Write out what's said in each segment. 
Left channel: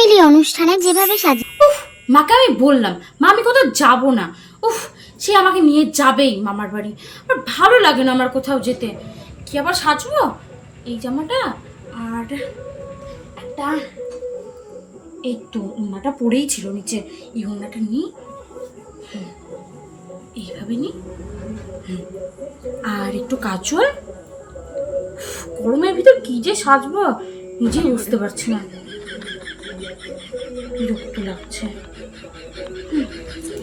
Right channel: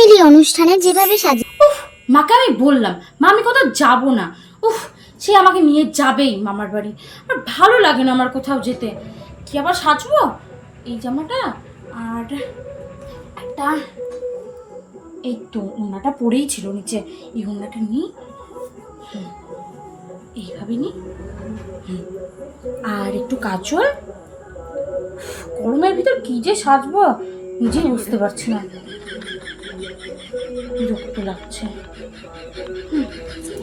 মিলি অনুষ্ঠানে যেভাবে সাজি উফ মাকে আমি বললাম মা আমি কোথাও যাব না। উফ সে আমাকে নিয়ে যাবেই মামার বাড়ি। আর ভালো লাগে না আমার কোথাও যেতে। কি আবার সাজবো? এই জামাটা আর একটা এই তো ওনাটা পরেই ছিল নিচে। এই ওনাটা নিই। এইভাবে হুম, আর একটু কাজল। গরমের ভিতর কি যে সাজবো নিজেই বুঝতে পারছি না। বিরক্ত লাগছে।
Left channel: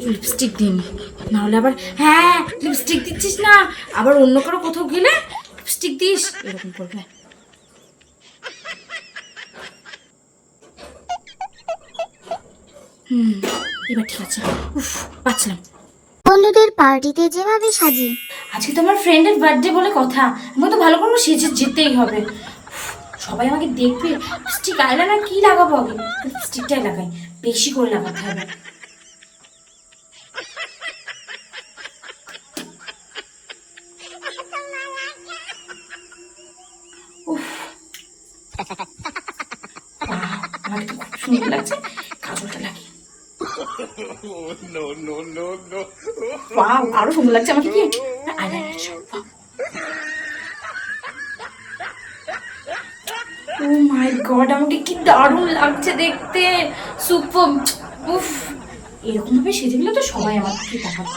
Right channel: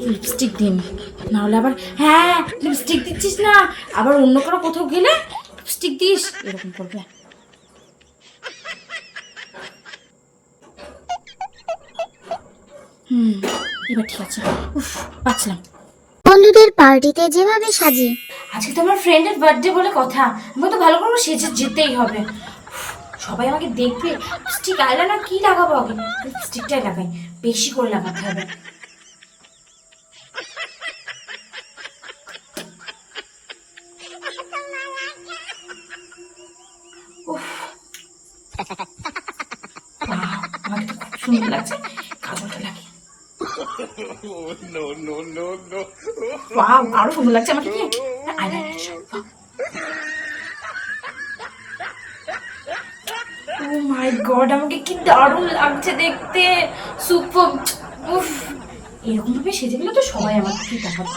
লিপস্টিক দিন নাহলে আবার হ্যাঁ লিপস্টিক দিচ্ছিস না। আবার অন্য কারও কোথাও গেলে লিপস্টিক দিস। এরকম করবে। হুম এবার ঠিক আছে। উফ বাঁচলাম বন্ধুদের পার্টিতে যেভাবে সাজি আজকে তো আমার ফ্রেন্ডের বার্থডে বলে কথা। আমাকে তো ভালো করে সেজে যেতেই হবে। সবাই আমাকে দেখবে। লিপস্টিক আইলাইনার কি লাগাবো আগে? লিপস্টিকটাই লাগাই। বেশি করে লাগাতে হবে। সুন্দর লাগছে। কাজলটা লাগে আরও সুন্দর লাগছে আমাকে কি আইলাইনার ও মাই গড আমাকে কি দারুণ লাগছে দেখতে। সুপার উফ এরকম ভাবে সেজে গেলে তো সবাই আমাকে দেখাবে